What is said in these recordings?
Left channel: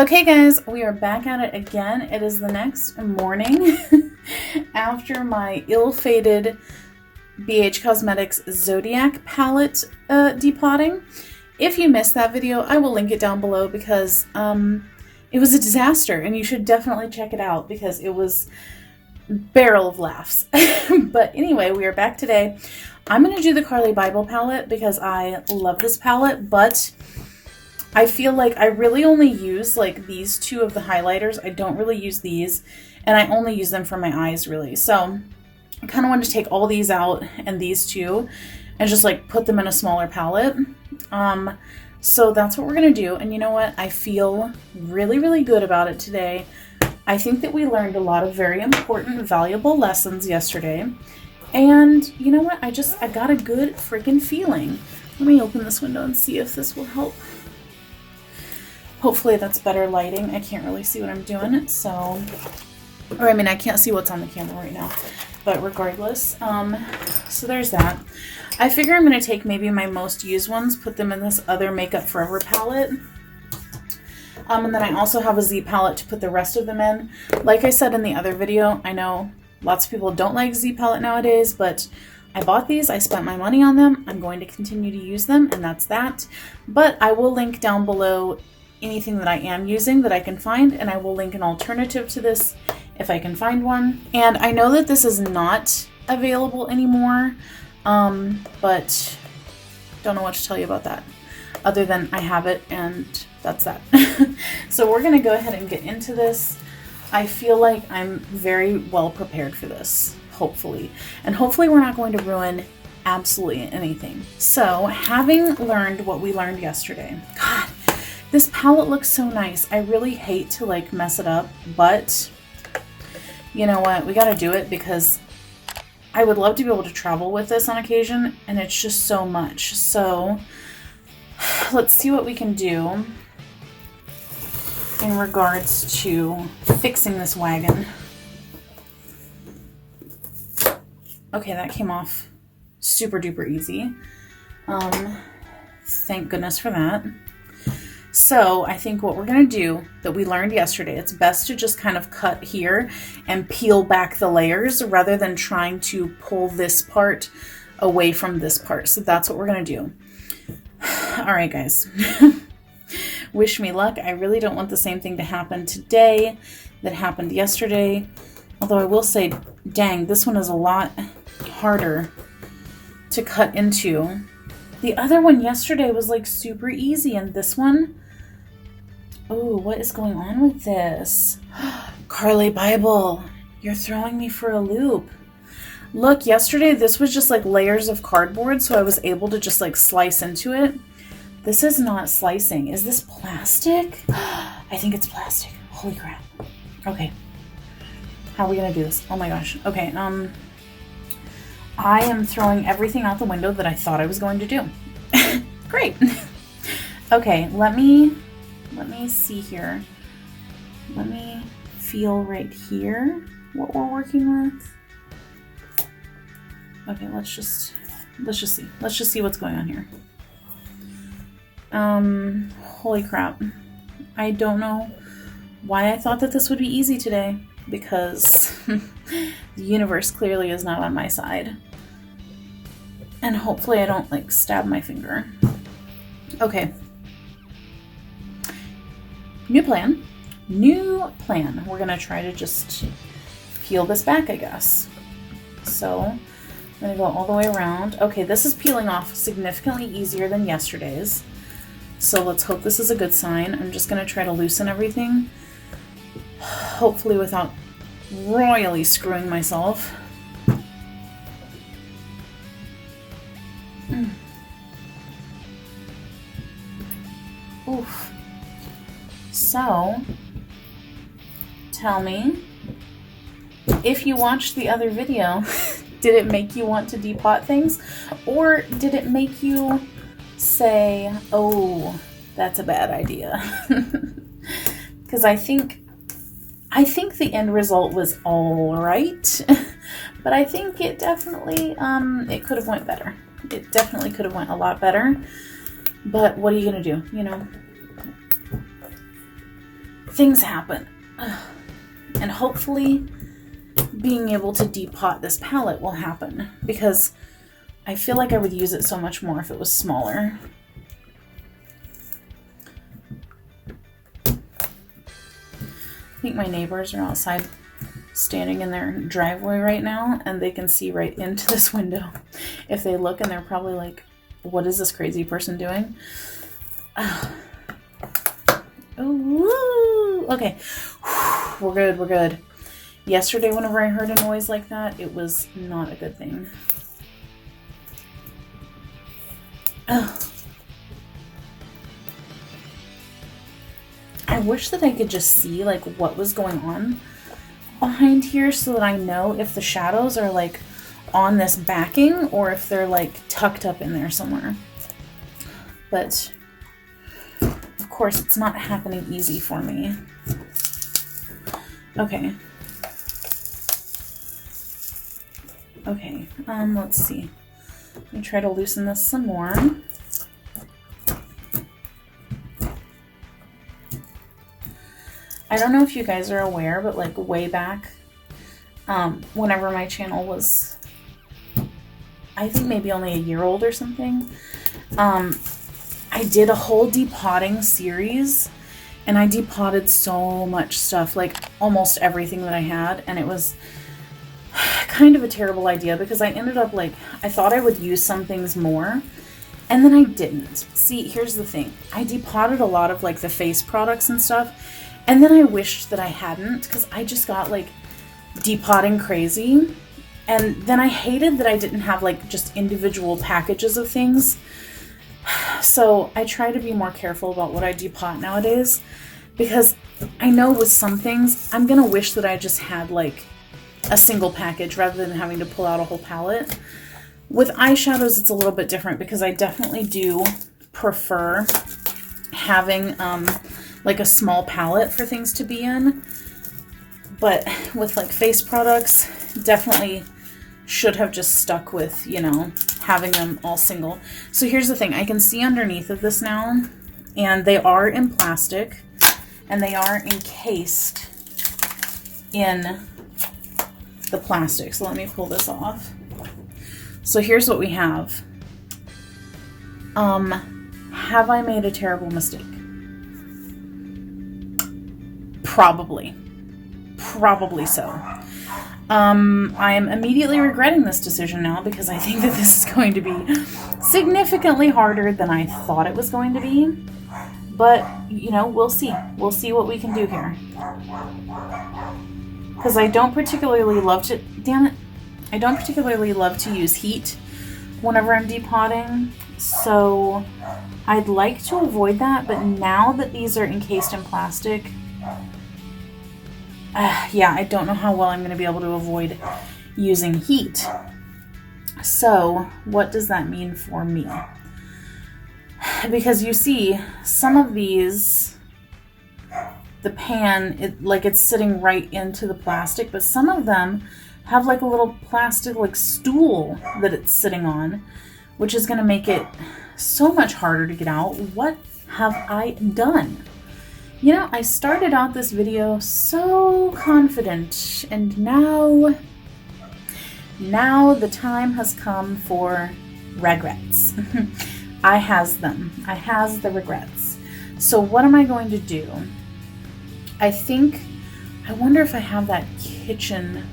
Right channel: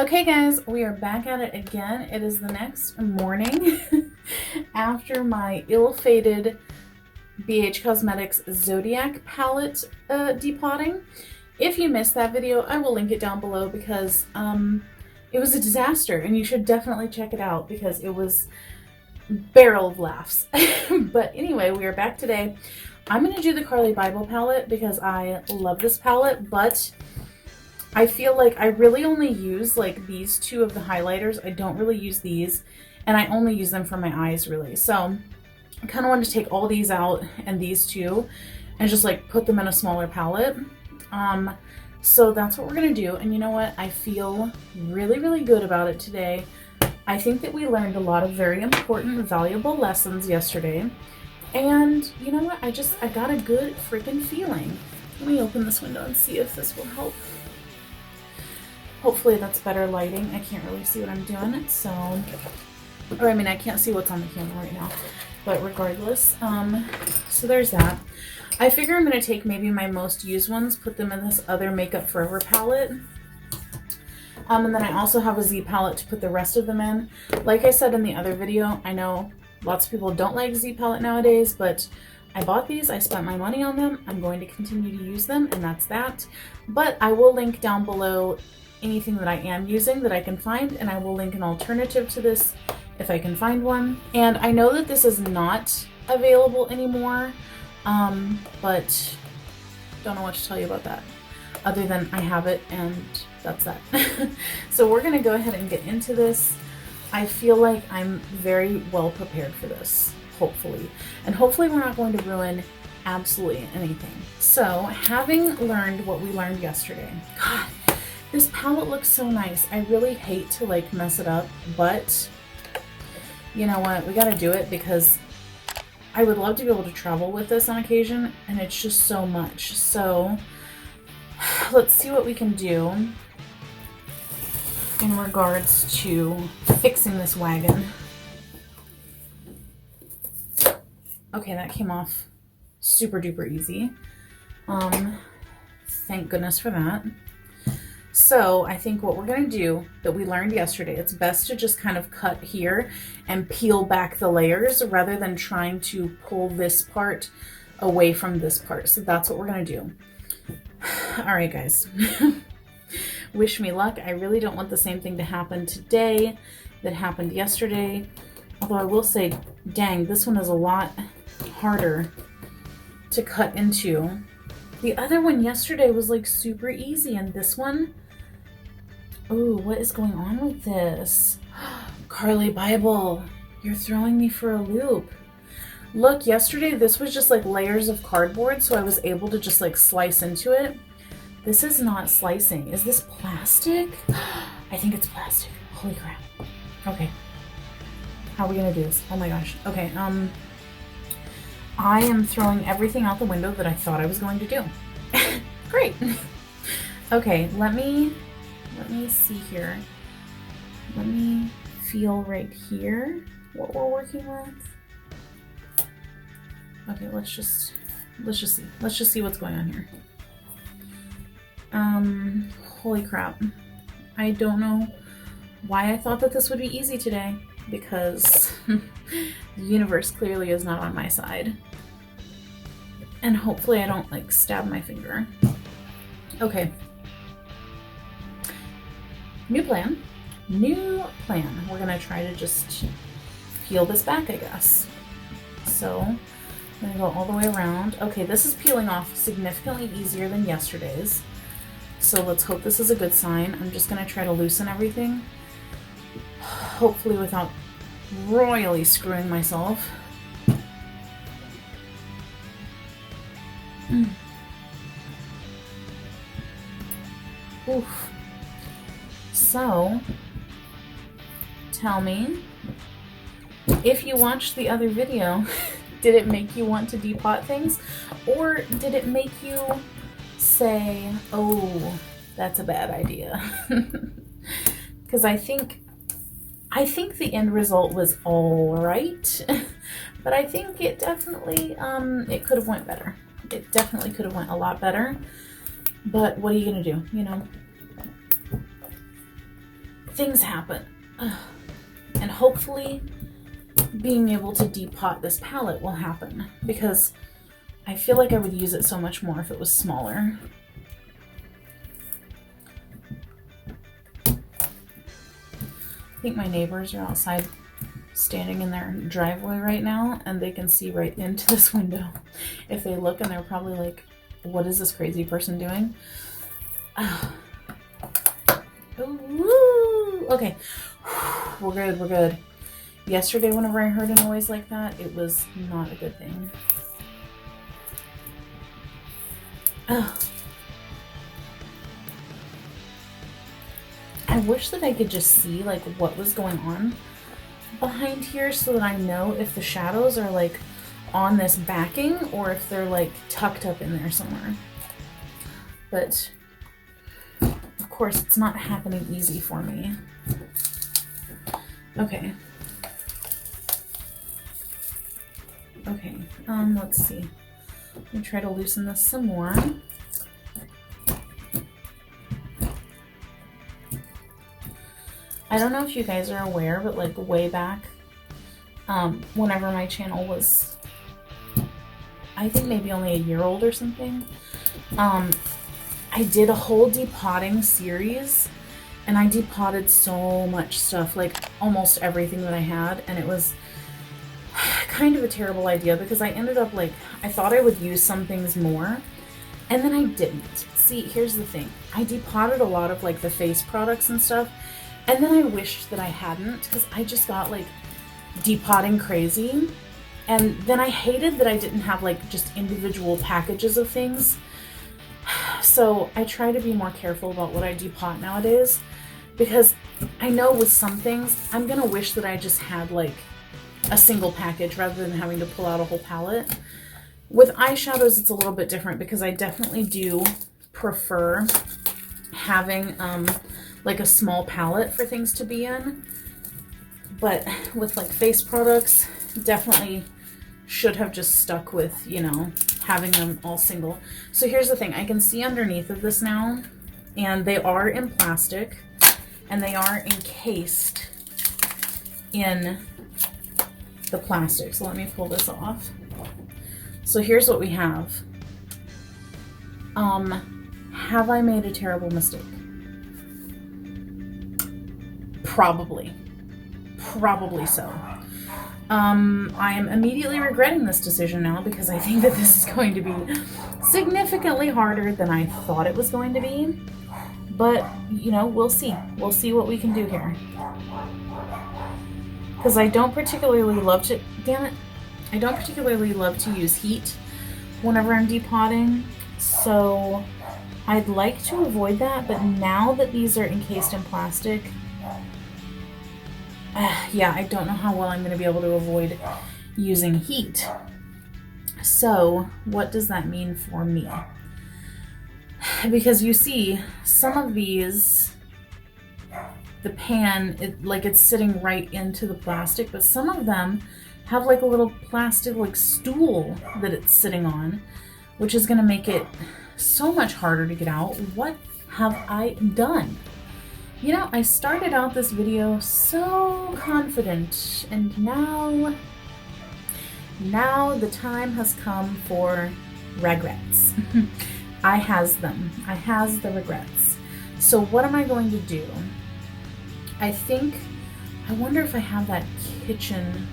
Okay guys, we are back at it again. It is the next morning after my ill-fated BH Cosmetics Zodiac palette depotting. If you missed that video, I will link it down below because it was a disaster and you should definitely check it out because it was a barrel of laughs. But anyway, we are back today. I'm going to do the Carli Bybel palette because I love this palette, but I feel like I really only use like these two of the highlighters. I don't really use these, and I only use them for my eyes really. So I kind of wanted to take all these out and these two and just like put them in a smaller palette. So that's what we're gonna do. And you know what? I feel really, really good about it today. I think that we learned a lot of very important, valuable lessons yesterday. And you know what? I got a good freaking feeling. Let me open this window and see if this will help. Hopefully that's better lighting. I can't really see what I'm doing, so, or I mean, I can't see what's on the camera right now, but regardless, so there's that. I figure I'm going to take maybe my most used ones, put them in this other Makeup Forever palette, and then I also have a Z palette to put the rest of them in. Like I said in the other video, I know lots of people don't like Z palette nowadays, but I bought these, I spent my money on them, I'm going to continue to use them, and that's that. But I will link down below anything that I am using that I can find, and I will link an alternative to this if I can find one. And I know that this is not available anymore, but don't know what to tell you about that other than I have it and that's that. So we're gonna go ahead and get into this. I feel like I'm very well prepared for this, hopefully, and hopefully we're not going to ruin absolutely anything. So having learned what we learned yesterday, God, this palette looks so nice. I really hate to like mess it up, but you know what? We gotta do it because I would love to be able to travel with this on occasion, and it's just so much. So let's see what we can do in regards to fixing this wagon. Okay, that came off super duper easy. Thank goodness for that. So I think what we're going to do that we learned yesterday, it's best to just kind of cut here and peel back the layers rather than trying to pull this part away from this part. So that's what we're going to do. All right, guys. Wish me luck. I really don't want the same thing to happen today that happened yesterday. Although I will say, dang, this one is a lot harder to cut into. The other one yesterday was like super easy, and this one, oh, what is going on with this? Carli Bybel, you're throwing me for a loop. Look, yesterday this was just like layers of cardboard, so I was able to just like slice into it. This is not slicing. Is this plastic? I think it's plastic. Holy crap. Okay. How are we gonna do this? Oh my gosh. Okay, I am throwing everything out the window that I thought I was going to do. Great. Okay, let me see here. Let me feel right here what we're working with. Okay, let's just see. Let's just see what's going on here. Holy crap. I don't know why I thought that this would be easy today, because the universe clearly is not on my side. And hopefully I don't like stab my finger. Okay. New plan. We're gonna try to just peel this back, I guess. So I'm gonna go all the way around. Okay, this is peeling off significantly easier than yesterday's. So let's hope this is a good sign. I'm just gonna try to loosen everything. Hopefully without royally screwing myself. Oof. So, tell me, if you watched the other video, did it make you want to depot things? Or did it make you say, oh, that's a bad idea? Because I think the end result was all right, but I think it definitely, it could have went better. It definitely could have went a lot better, but what are you gonna do, you know? things happen. And hopefully being able to depot this palette will happen, because I feel like I would use it so much more if it was smaller. I think my neighbors are outside standing in their driveway right now, and they can see right into this window if they look, and they're probably like, what is this crazy person doing? Ooh, okay, we're good, we're good. Yesterday, whenever I heard a noise like that, it was not a good thing. I wish that I could just see like what was going on behind here, so that I know if the shadows are like on this backing or if they're like tucked up in there somewhere. But of course it's not happening easy for me. Okay. Okay, let's see. Let me try to loosen this some more. I don't know if you guys are aware, but like way back, whenever my channel was, I think maybe only a year old or something, I did a whole depotting series, and I depotted so much stuff, like almost everything that I had, and it was kind of a terrible idea, because I ended up like, I thought I would use some things more, and then I didn't. See, here's the thing. I depotted a lot of like the face products and stuff, and then I wished that I hadn't, because I just got like depotting crazy. And then I hated that I didn't have like just individual packages of things. So I try to be more careful about what I depot nowadays, because I know with some things, I'm going to wish that I just had like a single package rather than having to pull out a whole palette. With eyeshadows, it's a little bit different, because I definitely do prefer having like a small palette for things to be in. But with like face products, definitely should have just stuck with, you know, having them all single. So here's the thing. I can see underneath of this now, and they are in plastic, and they are encased in the plastic. So let me pull this off. So here's what we have. Have I made a terrible mistake? Probably so. I am immediately regretting this decision now, because I think that this is going to be significantly harder than I thought it was going to be. But, you know, we'll see. We'll see what we can do here. Because I don't particularly love to, damn it, I don't particularly love to use heat whenever I'm depotting. So I'd like to avoid that, but now that these are encased in plastic, yeah, I don't know how well I'm going to be able to avoid using heat. So what does that mean for me? Because you see, some of these, the pan, it's sitting right into the plastic, but some of them have like a little plastic like stool that it's sitting on, which is going to make it so much harder to get out. What have I done? You know, I started out this video so confident, and now the time has come for regrets. I has them. I has the regrets. So what am I going to do? I wonder if I have that kitchen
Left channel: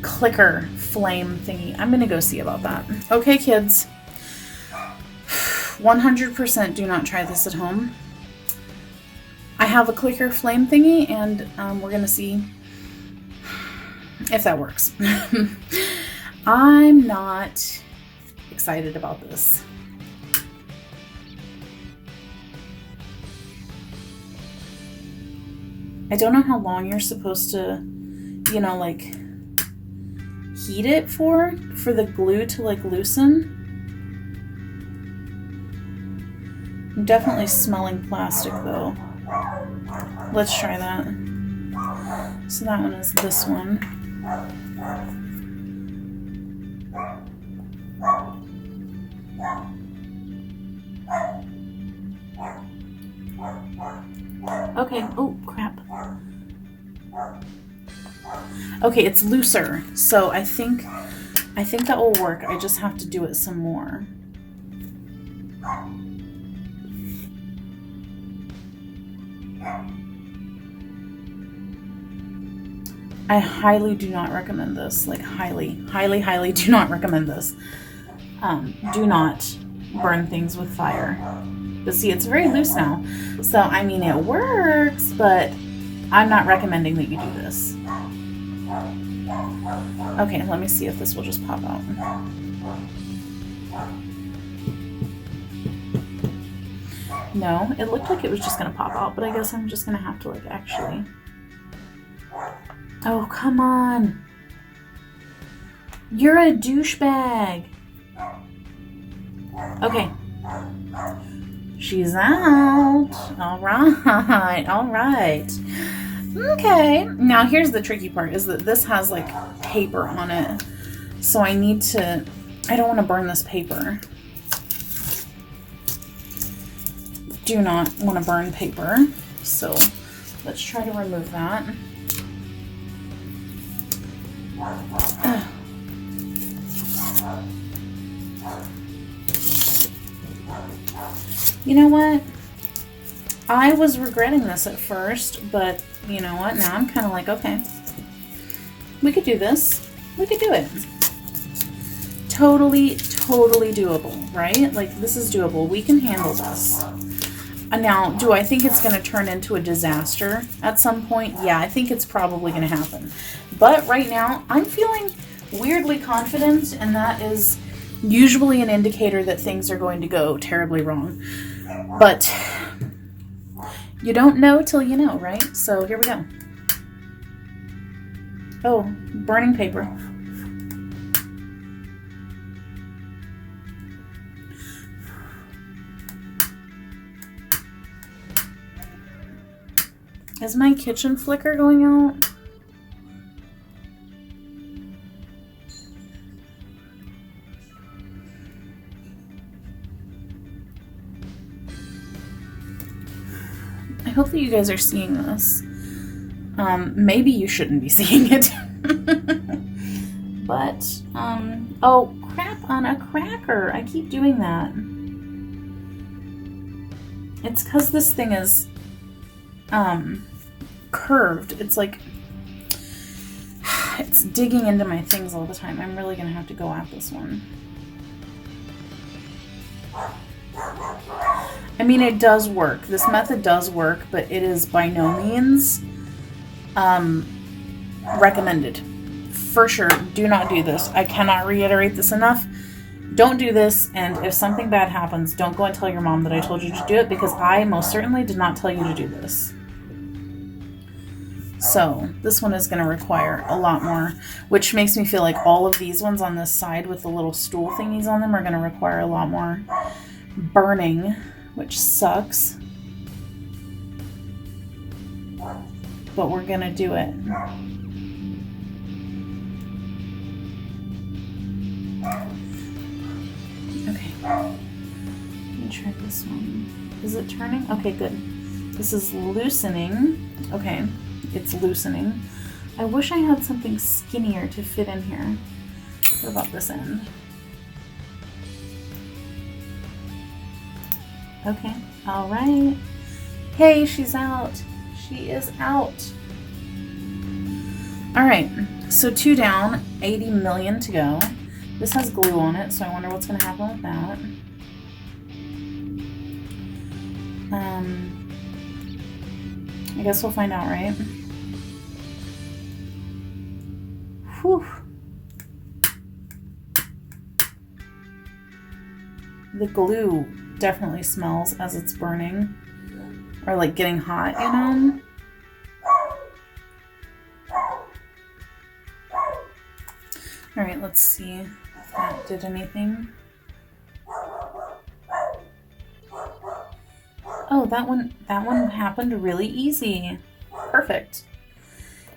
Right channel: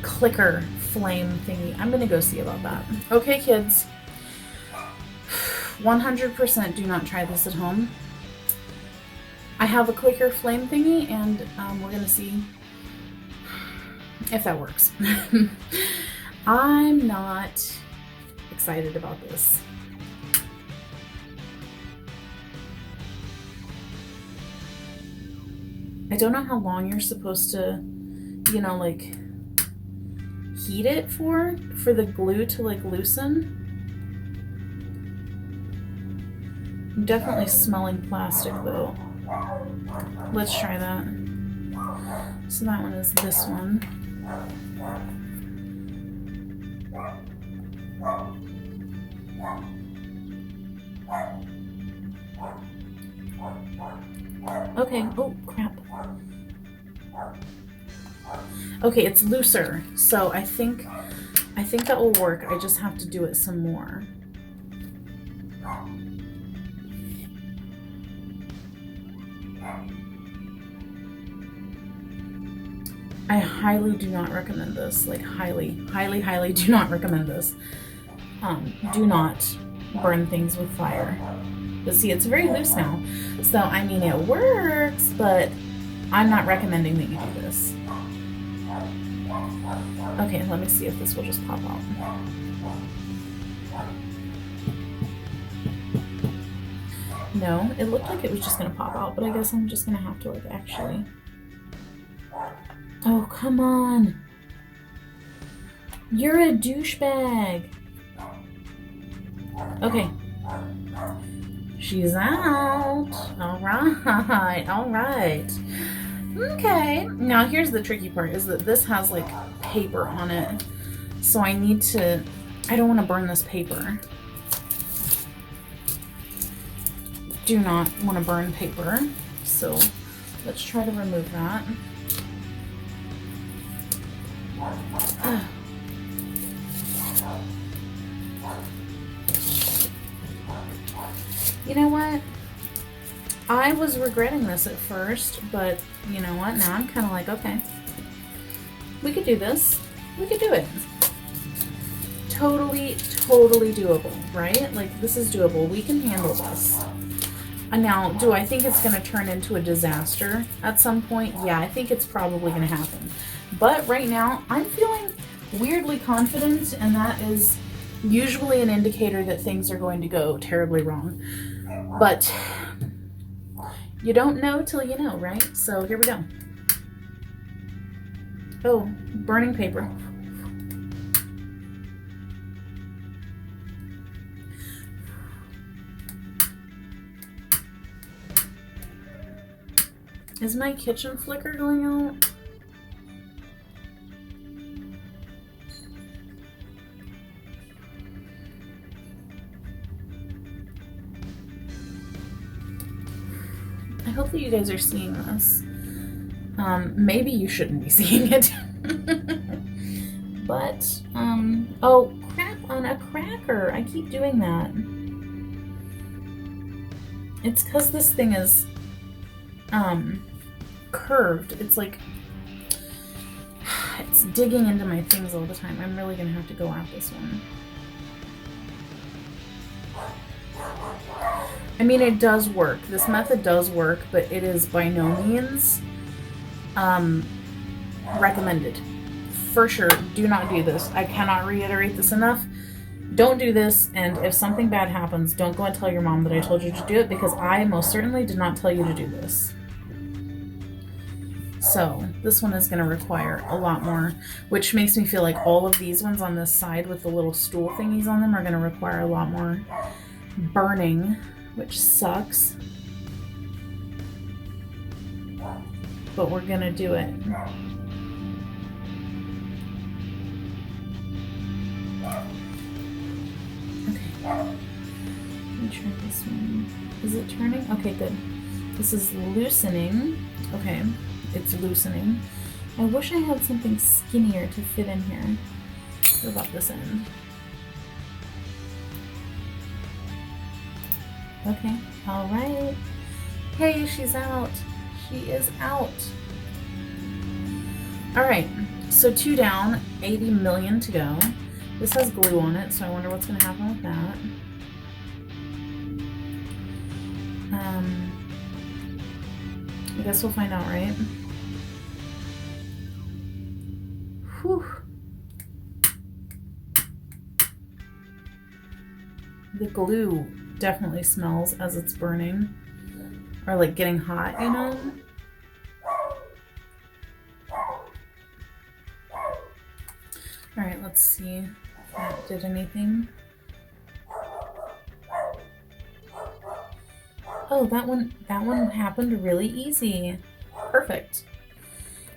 clicker flame thingy. I'm going to go see about that. Okay, kids. 100% do not try this at home. I have a clicker flame thingy, and we're going to see if that works. I'm not excited about this. I don't know how long you're supposed to, you know, like, heat it for the glue to, like, loosen. I'm definitely smelling plastic, though. Let's try that. So that one is this one. Okay, oh crap. Okay, it's looser, so I think that will work. I just have to do it some more. I highly do not recommend this. Like highly do not recommend this. Do not burn things with fire. But see, it's very loose now. So, I mean, it works, but I'm not recommending that you do this. Okay, let me see if this will just pop out. No, it looked like it was just gonna pop out, but I guess I'm just gonna have to like actually... Oh, come on. You're a douchebag. Okay. She's out. All right. Okay. Now here's the tricky part is that this has like paper on it. So I don't want to burn this paper. Do not want to burn paper. So let's try to remove that. You know what? I was regretting this at first, but you know what? Now I'm kind of like, okay, we could do this. We could do it. Totally doable, right? Like, this is doable. We can handle this. And now, do I think it's going to turn into a disaster at some point? Yeah, I think it's probably going to happen. But right now, I'm feeling weirdly confident, and that is usually an indicator that things are going to go terribly wrong. But you don't know till you know, right? So here we go. Oh, burning paper. Is my kitchen flicker going out? I hope that you guys are seeing this. Maybe you shouldn't be seeing it. But, oh, crap on a cracker. I keep doing that. It's because this thing is, curved. It's like, it's digging into my things all the time. I'm really gonna have to go at this one. I mean, it does work. This method does work, but it is by no means recommended. For sure, do not do this. I cannot reiterate this enough. Don't do this, and if something bad happens, don't go and tell your mom that I told you to do it, because I most certainly did not tell you to do this. So, this one is going to require a lot more, which makes me feel like all of these ones on this side with the little stool thingies on them are going to require a lot more burning, which sucks. But we're going to do it. Okay. Let me try this one. Is it turning? Okay, good. This is loosening. Okay. It's loosening. I wish I had something skinnier to fit in here. What about this end? Okay, all right. Hey, she's out. She is out. All right, so 2 down, 80 million to go. This has glue on it, so I wonder what's gonna happen with that. I guess we'll find out, right? Whew. The glue definitely smells as it's burning, or like getting hot, you know? All right, let's see if that did anything. Oh, that one happened really easy. Perfect.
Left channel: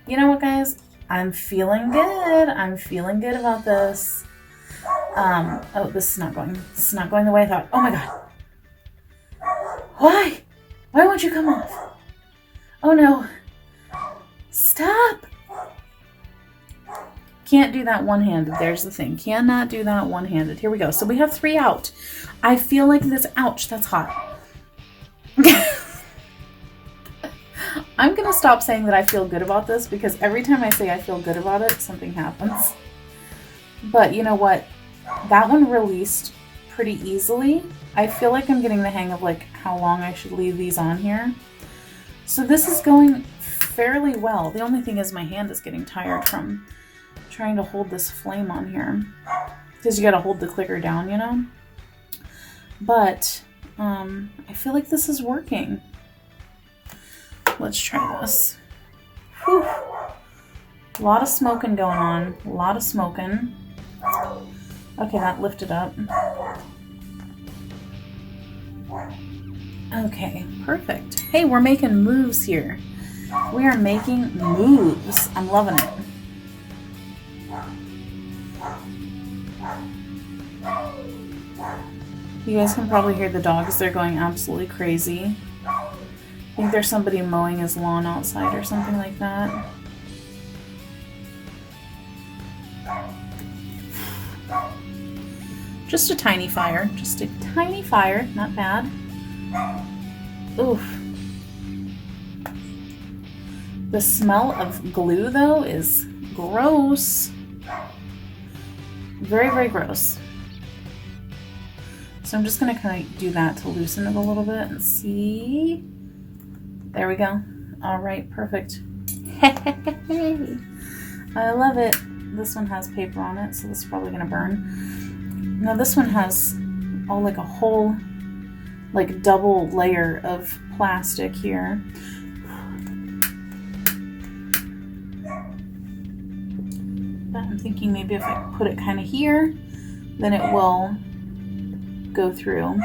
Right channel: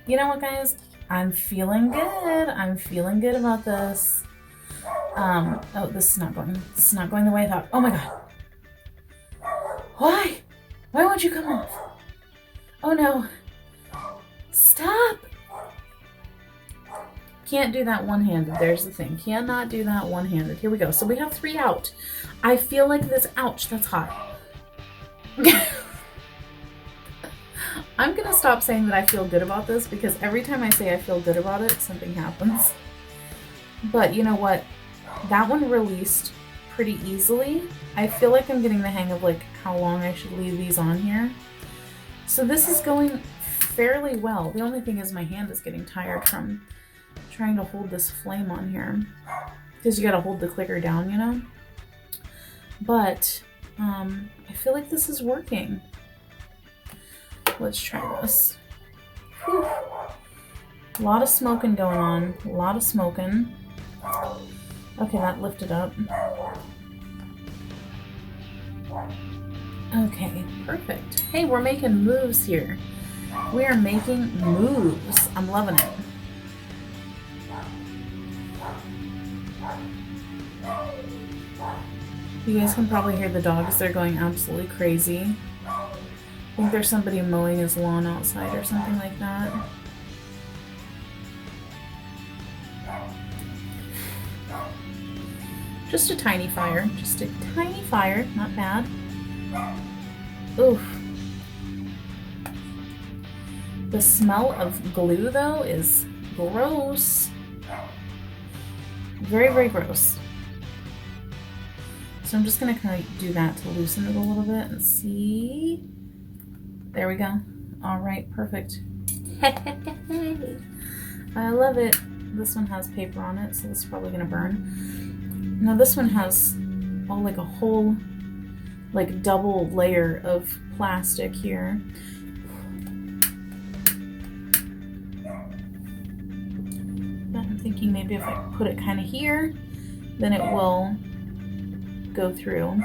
You know what, guys? I'm feeling good. I'm feeling good about this. Oh, this is not going the way I thought. Oh my God. Why? Why won't you come off? Oh no. Stop. Can't do that one-handed. There's the thing. Cannot do that one-handed. Here we go. So we have 3 out. I feel like this, ouch, that's hot. I'm gonna stop saying that I feel good about this because every time I say I feel good about it, something happens. But you know what? That one released pretty easily. I feel like I'm getting the hang of like how long I should leave these on here. So this is going fairly well. The only thing is my hand is getting tired from trying to hold this flame on here. Because you gotta hold the clicker down, you know? But I feel like this is working. Let's try this. Whew. A lot of smoking going on. A lot of smoking. Okay, that lifted up. Okay, perfect. Hey, we're making moves here. We are making moves. I'm loving it. You guys can probably hear the dogs. They're going absolutely crazy. I think there's somebody mowing his lawn outside or something like that. Just a tiny fire. Just a tiny fire. Not bad. Oof. The smell of glue, though, is gross. Very, very gross. So I'm just going to kind of do that to loosen it a little bit and see. There we go. All right, perfect. I love it. This one has paper on it, so this is probably going to burn. Now this one has like a whole like double layer of plastic here. But I'm thinking maybe if I put it kind of here, then it will go through.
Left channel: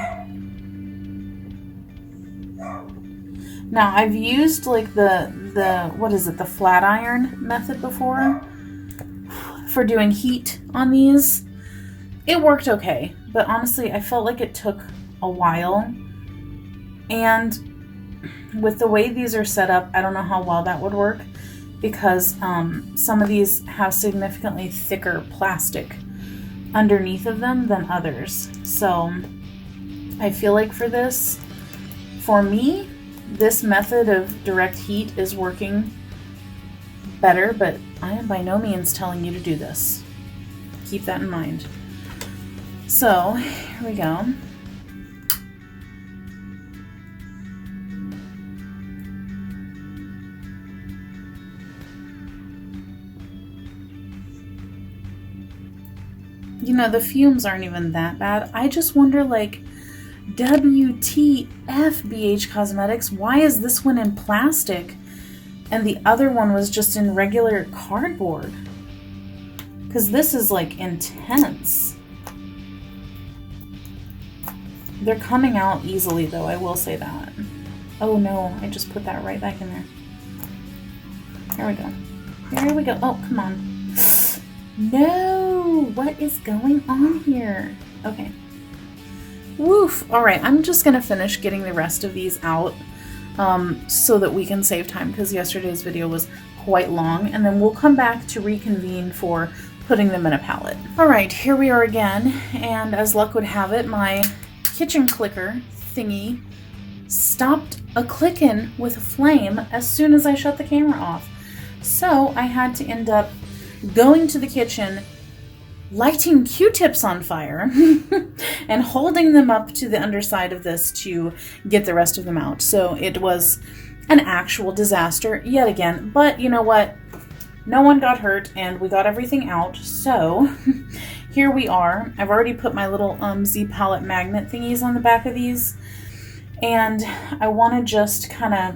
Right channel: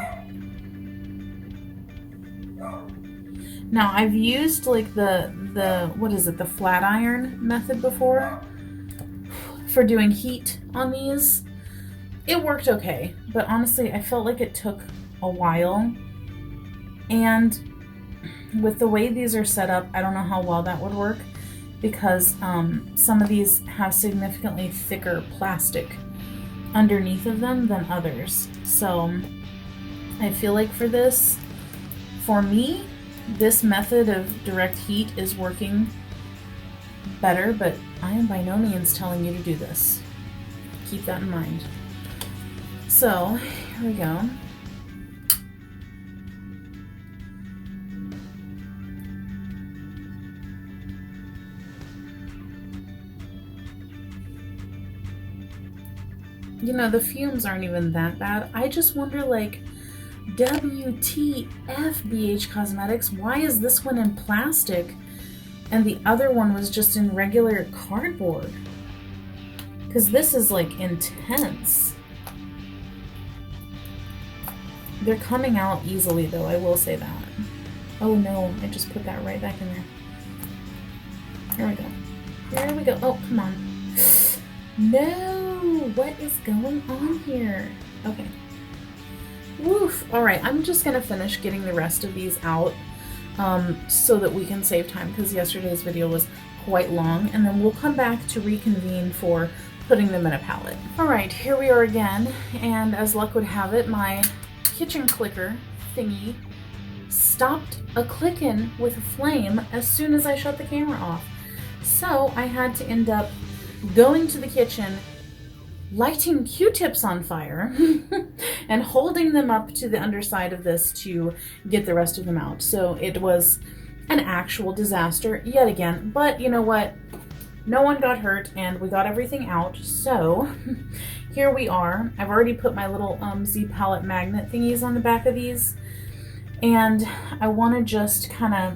Now I've used like the what is it, the flat iron method before for doing heat on these. It worked okay, but honestly I felt like it took a while, and with the way these are set up, I don't know how well that would work because some of these have significantly thicker plastic underneath of them than others. So I feel like for this, for me, this method of direct heat is working better, but I am by no means telling you to do this. Keep that in mind. So here we go. You know, the fumes aren't even that bad. I just wonder, like, WTF, BH Cosmetics, why is this one in plastic and the other one was just in regular cardboard? Because this is, like, intense. They're coming out easily, though, I will say that. Oh, no, I just put that right back in there. There we go. There we go. Oh, come on. No! What is going on here? Okay. Woof! Alright, I'm just gonna finish getting the rest of these out so that we can save time, because yesterday's video was quite long, and then we'll come back to reconvene for putting them in a palette. Alright, here we are again, and as luck would have it, my kitchen clicker thingy stopped a-clicking with a flame as soon as I shut the camera off. So I had to end up going to the kitchen, lighting Q-tips on fire, and holding them up to the underside of this to get the rest of them out. So it was an actual disaster yet again, but you know what? No one got hurt and we got everything out. So here we are. I've already put my little Z palette magnet thingies on the back of these, and I want to just kind of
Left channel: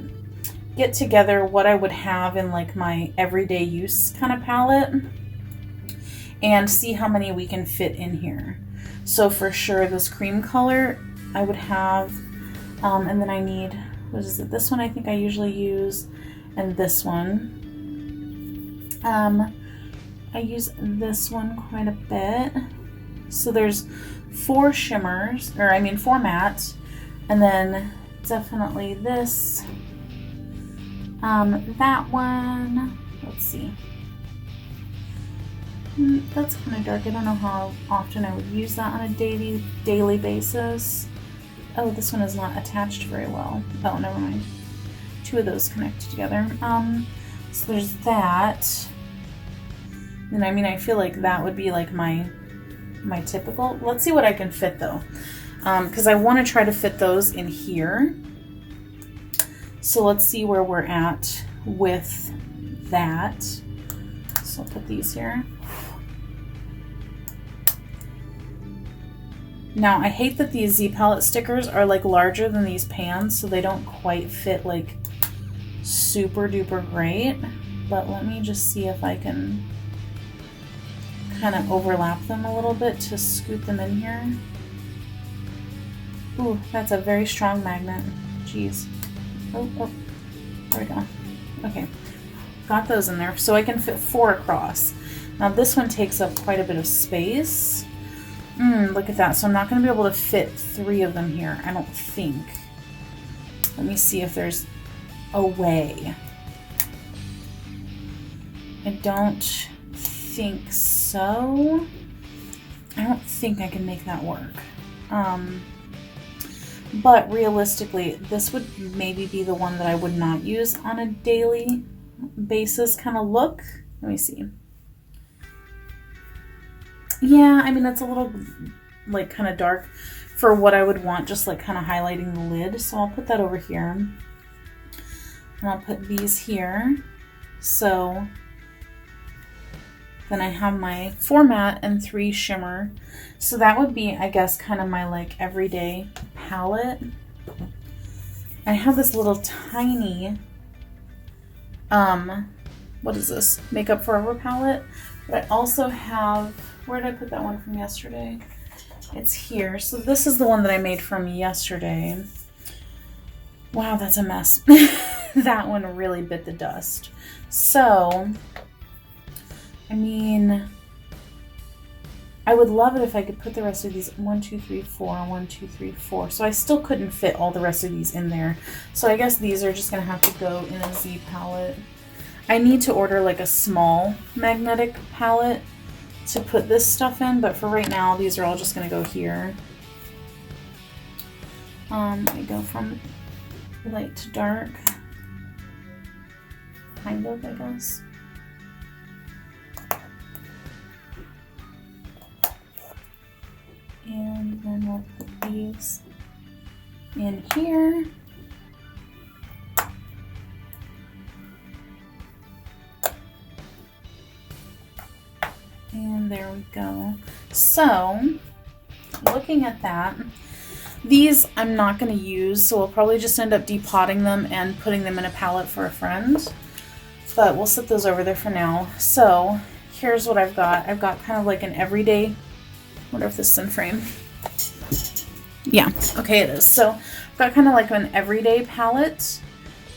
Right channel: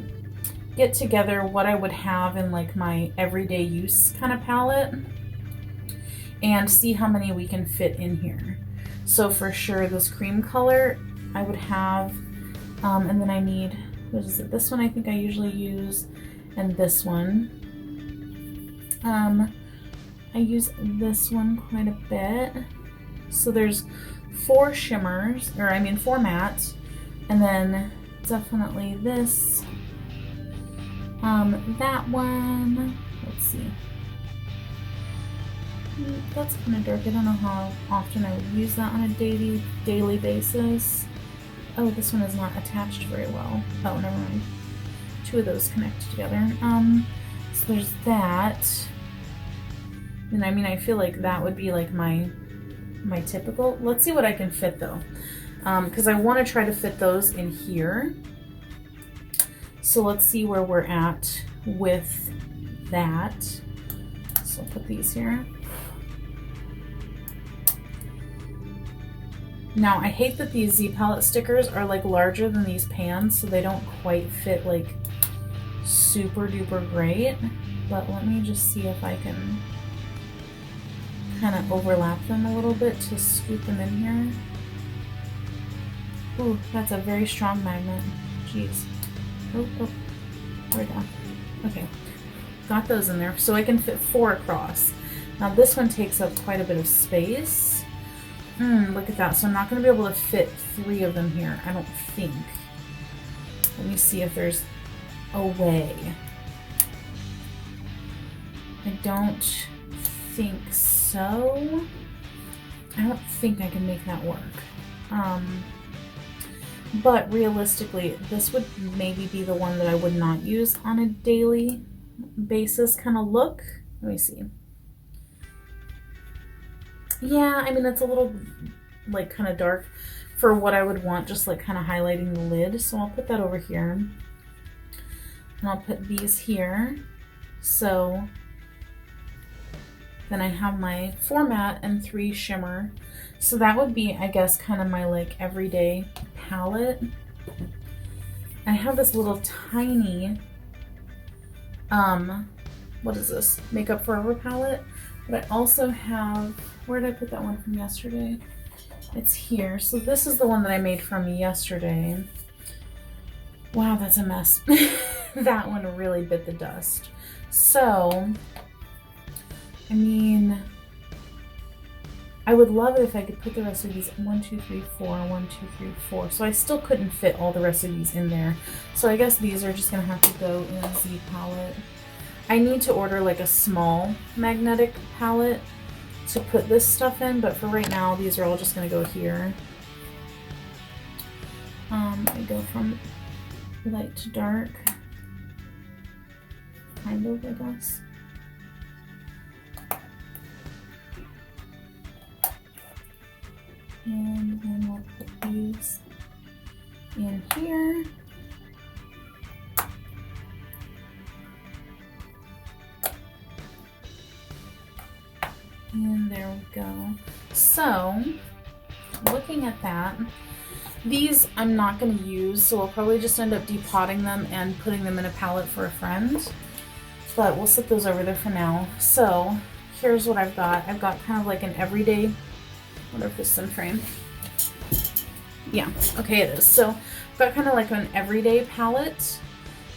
get together what I would have in like my everyday use kind of palette and see how many we can fit in here. So for sure this cream color I would have, and then I need, what is it, this one I think I usually use, and this one. I use this one quite a bit. So there's 4 shimmers, or I mean 4 mattes, and then definitely this, That one, let's see. That's kind of dark. I don't know how often I would use that on a daily basis. Oh, this one is not attached very well. Oh, never mind. Two of those connect together. So there's that. And I mean, I feel like that would be like my typical. Let's see what I can fit though. Because I want to try to fit those in here. So let's see where we're at with that. So I'll put these here. Now I hate that these Z palette stickers are like larger than these pans, so they don't quite fit like super duper great. But let me just see if I can kind of overlap them a little bit to scoop them in here. Ooh, that's a very strong magnet. Jeez. Oh, there we go. Okay, got those in there. So I can fit 4 across. Now this one takes up quite a bit of space. Look at that. So I'm not going to be able to fit 3 of them here, I don't think. Let me see if there's a way. I don't think so. I don't think I can make that work. But realistically, this would maybe be the one that I would not use on a daily basis kind of look. Let me see. Yeah, I mean, it's a little like kind of dark for what I would want, just like kind of highlighting the lid. So I'll put that over here. And I'll put these here. So then I have my 4 matte and 3 shimmer. So that would be, I guess, kind of my like everyday palette. I have this little tiny, what is this? Makeup Forever palette. But I also have, where did I put that one from yesterday? It's here. So this is the one that I made from yesterday. Wow, that's a mess. That one really bit the dust. So, I mean, I would love it if I could put the rest of these 1, 2, 3, 4, 1, 2, 3, 4. So I still couldn't fit all the rest of these in there. So I guess these are just gonna have to go in a Z palette. I need to order like a small magnetic palette to put this stuff in, but for right now, these are all just gonna go here. I go from light to dark, kind of, I guess. And then we'll put these in here. And there we go. So, looking at that, these I'm not going to use, so we'll probably just end up depotting them and putting them in a palette for a friend. But we'll set those over there for now. So, here's what I've got. I've got kind of like an everyday, I wonder if this is in frame. Yeah, okay it is. So, I've got kind of like an everyday palette,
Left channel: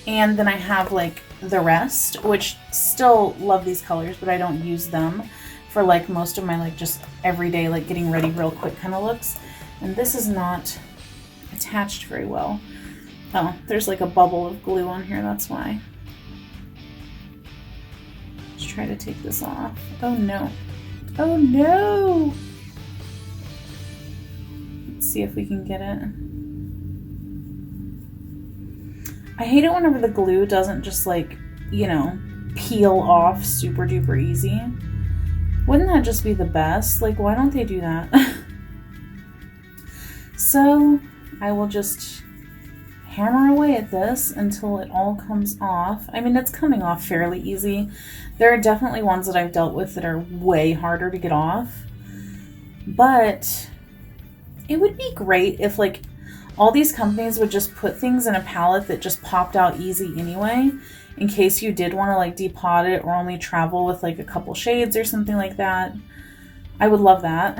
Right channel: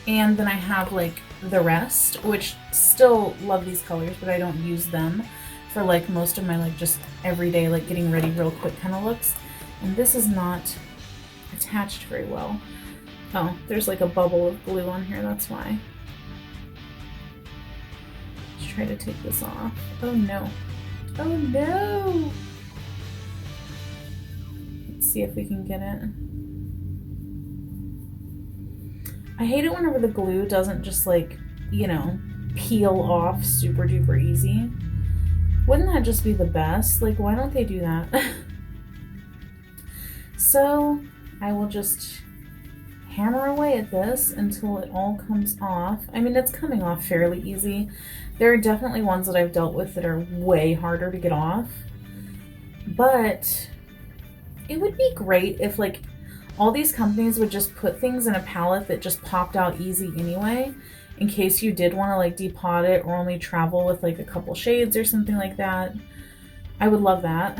and then I have like the rest, which still love these colors, but I don't use them for like most of my like just everyday like getting ready real quick kind of looks. And this is not attached very well. Oh, there's like a bubble of glue on here, that's why. Let's try to take this off. Oh no. Oh no! Let's see if we can get it. I hate it whenever the glue doesn't just like, you know, peel off super duper easy. Wouldn't that just be the best? Like, why don't they do that? So, I will just hammer away at this until it all comes off. I mean, it's coming off fairly easy. There are definitely ones that I've dealt with that are way harder to get off. But it would be great if, like, all these companies would just put things in a palette that just popped out easy anyway, in case you did want to like depot it or only travel with like a couple shades or something like that. I would love that.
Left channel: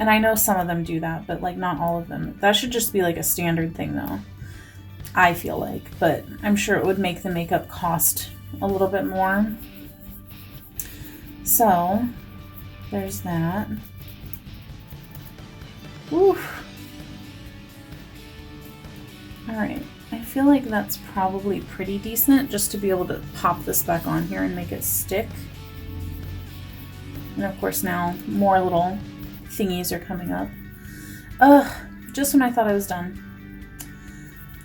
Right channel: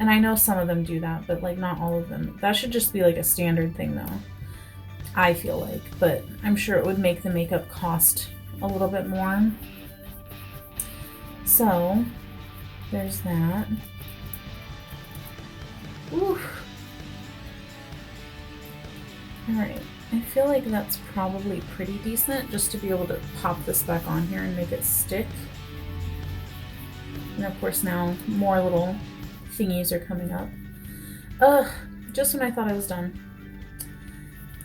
And I know some of them do that, but like not all of them. That should just be like a standard thing though, I feel like. But I'm sure it would make the makeup cost a little bit more. So there's that. Oof. All right, I feel like that's probably pretty decent just to be able to pop this back on here and make it stick. And of course now more little thingies are coming up. Ugh, just when I thought I was done.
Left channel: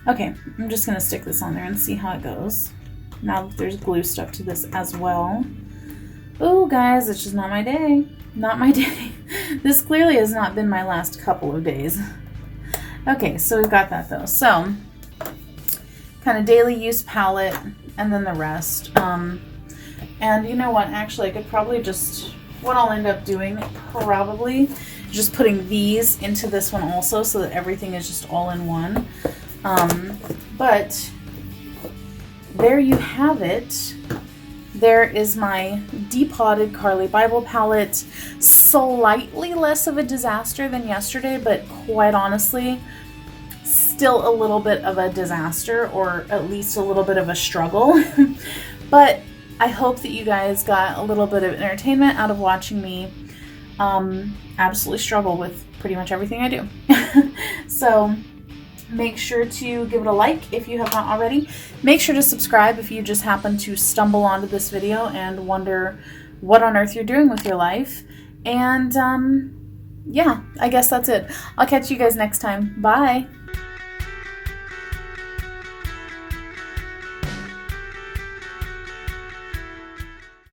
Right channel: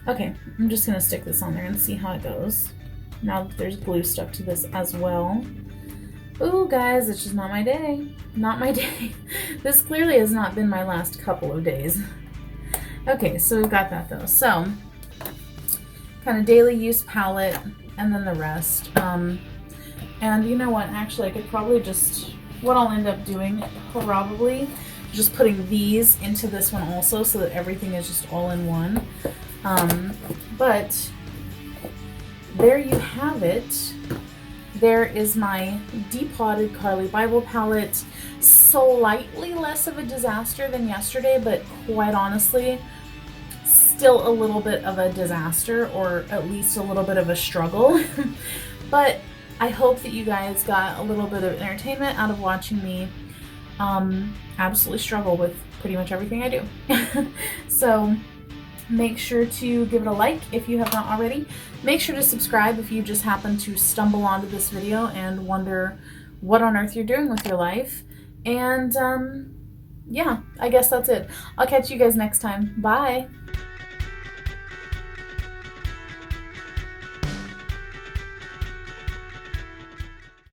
Okay, I'm just gonna stick this on there and see how it goes. Now that there's glue stuck to this as well. Oh guys, it's just not my day. Not my day. This clearly has not been my last couple of days. Okay, so we've got that though. So, kind of daily use palette and then the rest. And you know what, actually I could probably just, what I'll end up doing probably, just putting these into this one also so that everything is just all in one. But there you have it. There is my depotted Carli Bybel palette. Slightly less of a disaster than yesterday, but quite honestly, still a little bit of a disaster, or at least a little bit of a struggle. But I hope that you guys got a little bit of entertainment out of watching me absolutely struggle with pretty much everything I do. So make sure to give it a like if you have not already. Make sure to subscribe if you just happen to stumble onto this video and wonder what on earth you're doing with your life. And yeah, I guess that's it. I'll catch you guys next time. Bye.